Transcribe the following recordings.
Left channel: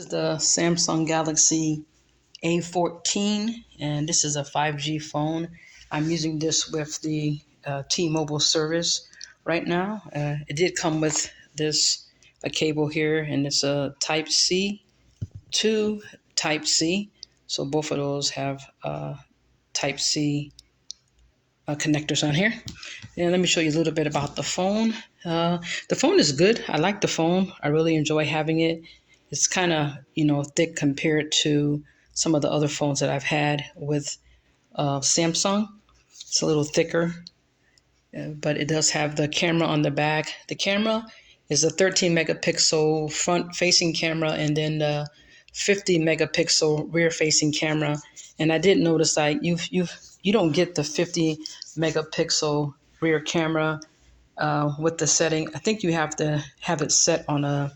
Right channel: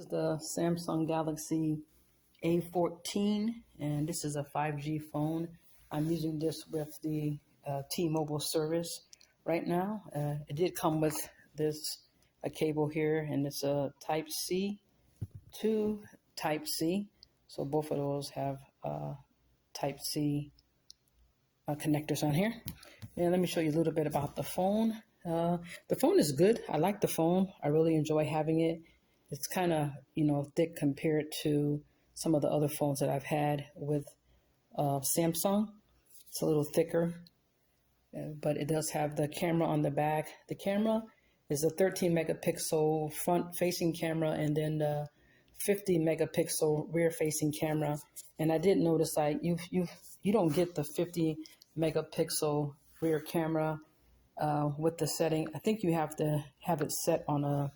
This is the Samsung Galaxy A14, and this is a 5G phone. I'm using this with the T-Mobile service right now. It did come with this a cable here, and it's a Type C to Type C. So both of those have Type C connectors on here. And let me show you a little bit about the phone. The phone is good. I like the phone. I really enjoy having it. It's kind of, thick compared to some of the other phones that I've had with Samsung. It's a little thicker, but it does have the camera on the back. The camera is a 13 megapixel front facing camera and then the 50 megapixel rear facing camera. And I did notice that you don't get the 50 megapixel rear camera with the setting. I think you have to have it set on a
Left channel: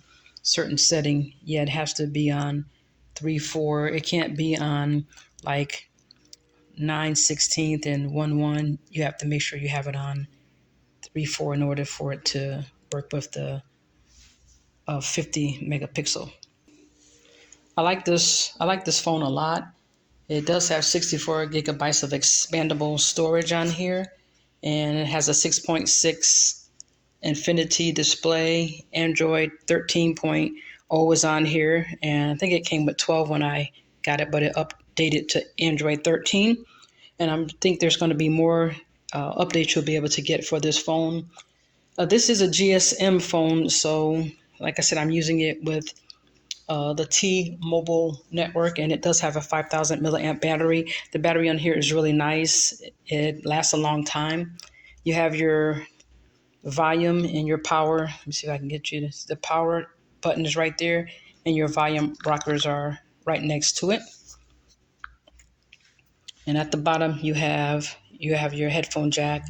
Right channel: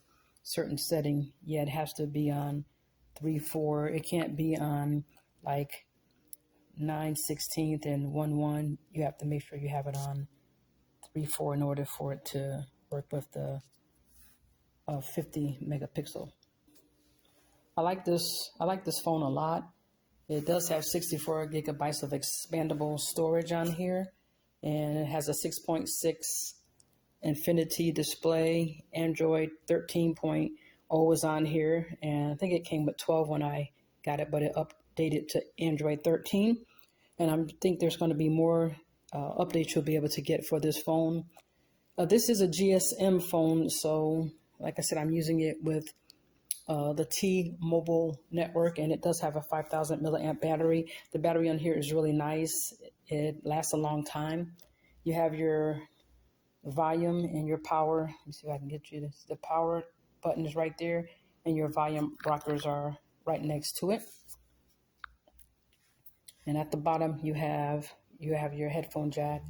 certain setting. Yeah, it has to be on 3.4. It can't be on like 9/16 and 1.1. You have to make sure you have it on 3.4 in order for it to work with the 50 megapixel. I like this phone a lot. It does have 64 gigabytes of expandable storage on here, and it has a 6.6 Infinity display. Android 13.0 is on here, and I think it came with 12 when I got it, but it updated to Android 13. And I think there's going to be more updates you'll be able to get for this phone. This is a GSM phone, so like I said, I'm using it with the T-Mobile network, and it does have a 5,000 milliamp battery. The battery on here is really nice. It lasts a long time. You have your volume and your power. Let me see if I can get you this. The power button is right there, and your volume rockers are right next to it. And at the bottom, you have your headphone jack,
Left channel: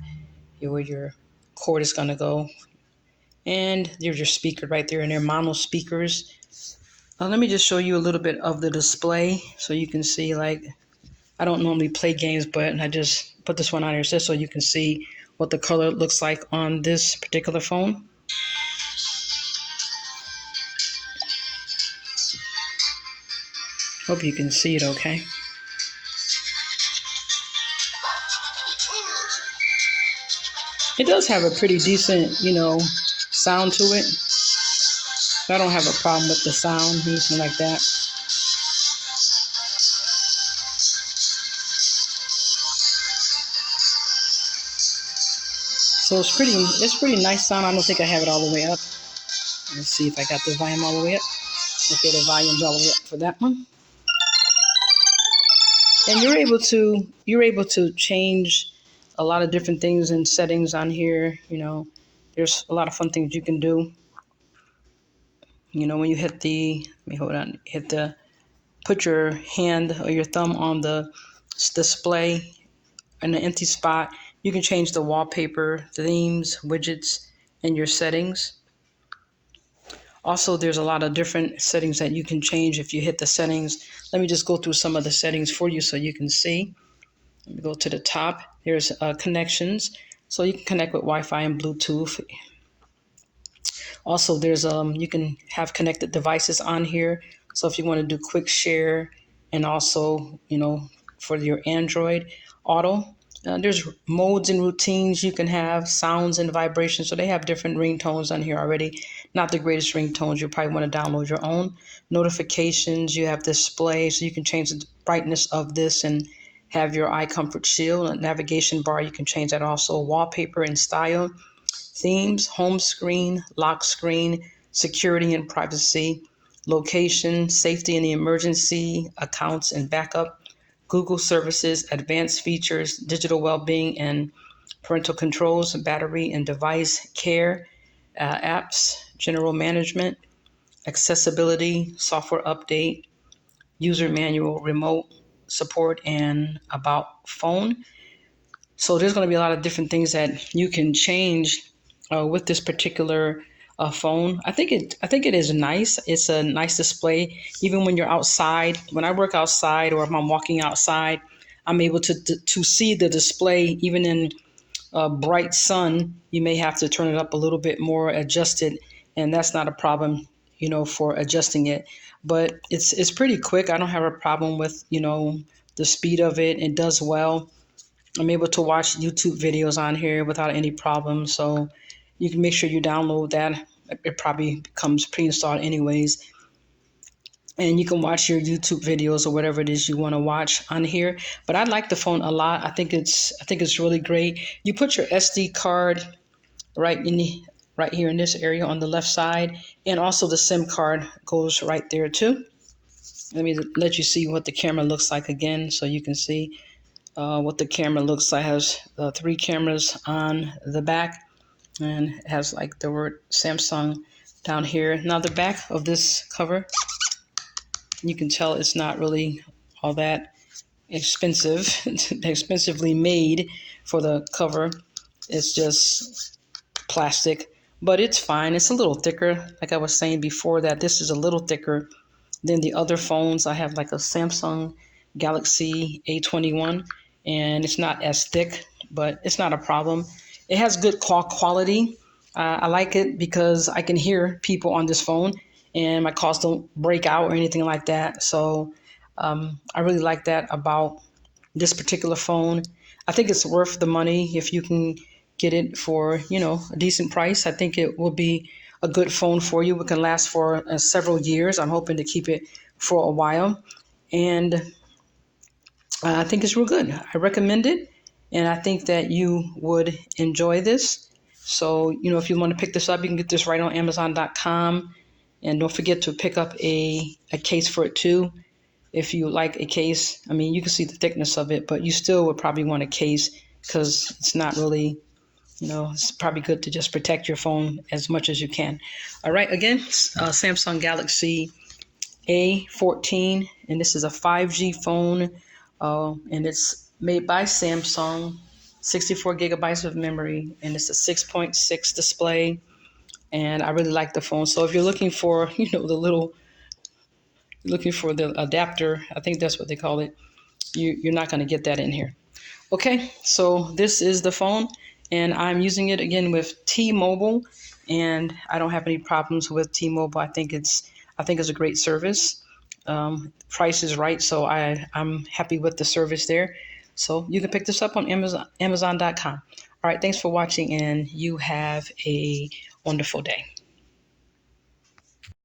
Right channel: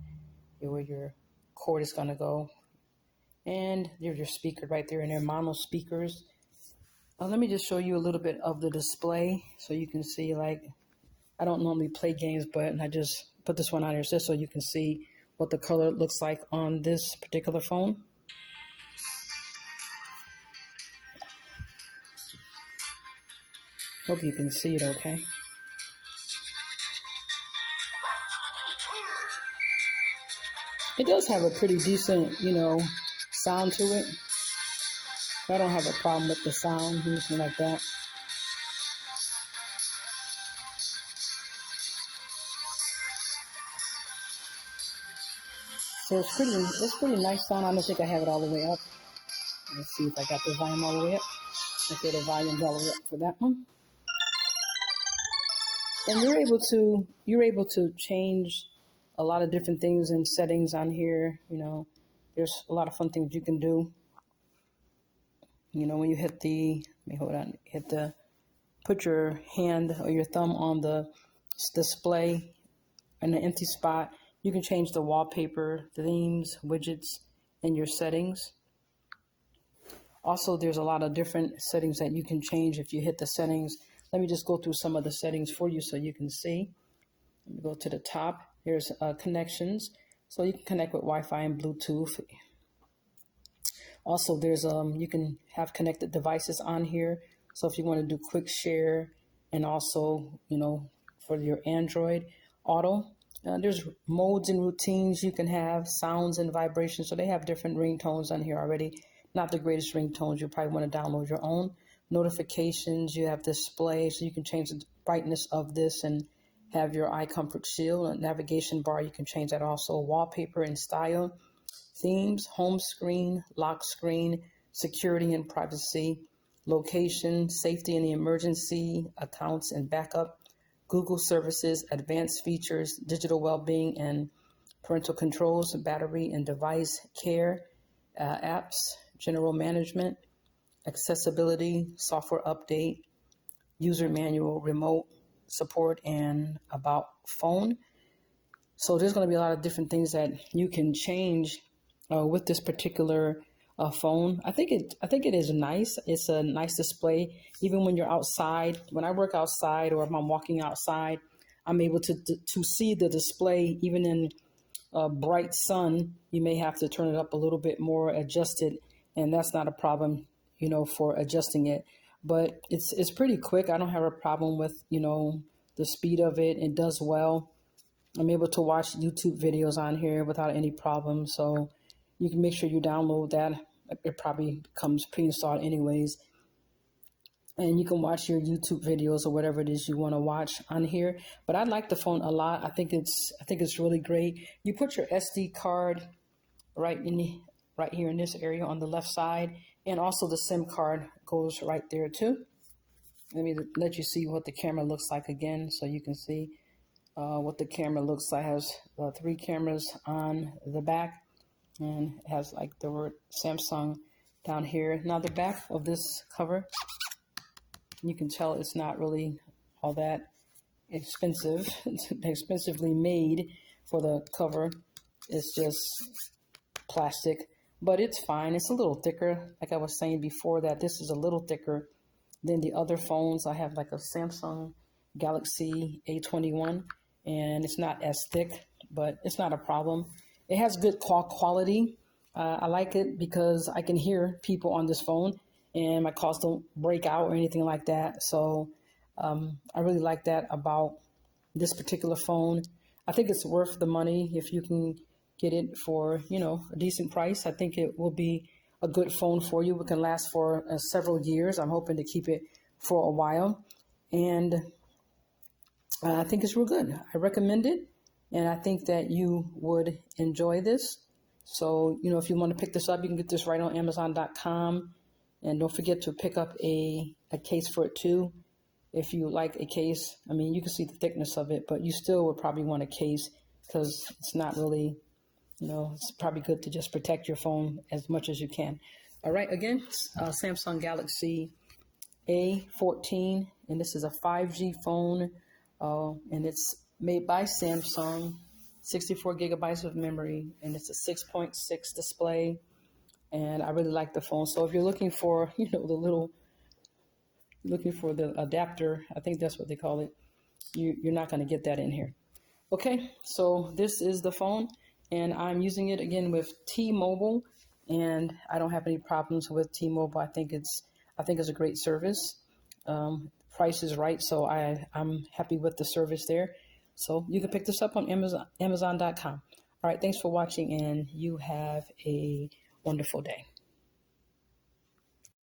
where your cord is gonna go, and there's your speaker right there, and they're mono speakers. Let me just show you a little bit of the display so you can see. Like, I don't normally play games, but I just put this one on here just so you can see what the color looks like on this particular phone. Hope you can see it okay. It does have a pretty decent, sound to it. I don't have a problem with the sound, anything like that. So it's pretty nice sound. I don't think I have it all the way up. Let's see if I got the volume all the way up. Okay, the volume's all the way up for that one. And you're able to change a lot of different things and settings on here. There's a lot of fun things you can do. When you hit put your hand or your thumb on the display in the empty spot, you can change the wallpaper, themes, widgets, and your settings. Also, there's a lot of different settings that you can change if you hit the settings. Let me just go through some of the settings for you so you can see. Let me go to the top. There's connections. So you can connect with Wi-Fi and Bluetooth. Also, there's you can have connected devices on here. So if you want to do quick share, and also, for your Android Auto, there's modes and routines you can have, sounds and vibrations. So they have different ringtones on here already. Not the greatest ringtones. You probably want to download your own. Notifications, you have display, so you can change the brightness of this and have your eye comfort shield. A navigation bar, you can change that also. Wallpaper and style. Themes, home screen, lock screen, security and privacy, location, safety and the emergency, accounts and backup, Google services, advanced features, digital well-being and parental controls, battery and device care, apps, general management, accessibility, software update, user manual, remote support, and about phone. So there's going to be a lot of different things that you can change with this particular phone. I think it is nice. It's a nice display. Even when you're outside, when I work outside or if I'm walking outside, I'm able to see the display. Even in bright sun, you may have to turn it up a little bit more, adjust it, and that's not a problem. for adjusting it. But it's pretty quick. I don't have a problem with, the speed of it. It does well. I'm able to watch YouTube videos on here without any problem. So you can make sure you download that. It probably comes pre-installed anyways. And you can watch your YouTube videos or whatever it is you want to watch on here. But I like the phone a lot. I think it's really great. You put your SD card right here in this area on the left side, and also the SIM card goes right there too. Let me let you see what the camera looks like again, so you can see what the camera looks like. It has 3 cameras on the back, and it has like the word Samsung down here. Now the back of this cover, you can tell it's not really all that expensive, expensively made for the cover. It's just plastic, but it's fine. It's a little thicker. Like I was saying before, that this is a little thicker than the other phones. I have like a Samsung Galaxy A21, and it's not as thick, but it's not a problem. It has good call quality. I like it because I can hear people on this phone, and my calls don't break out or anything like that. So I really like that about this particular phone. I think it's worth the money if you can get it for, a decent price. I think it will be a good phone for you. It can last for several years. I'm hoping to keep it for a while. And I think it's real good. I recommend it. And I think that you would enjoy this. So, if you want to pick this up, you can get this right on Amazon.com. And don't forget to pick up a case for it too. If you like a case, I mean, you can see the thickness of it, but you still would probably want a case because it's not really, it's probably good to just protect your phone as much as you can. All right, again, Samsung Galaxy A14, and this is a 5G phone, and it's made by Samsung, 64 gigabytes of memory, and it's a 6.6 display, and I really like the phone. So if you're looking for, looking for the adapter, I think that's what they call it, you're not going to get that in here. Okay, so this is the phone, and I'm using it again with T-Mobile, and I don't have any problems with T-Mobile. I think it's a great service. Price is right, so I'm happy with the service there. So you can pick this up on Amazon.com. All right, thanks for watching, and you have a wonderful day.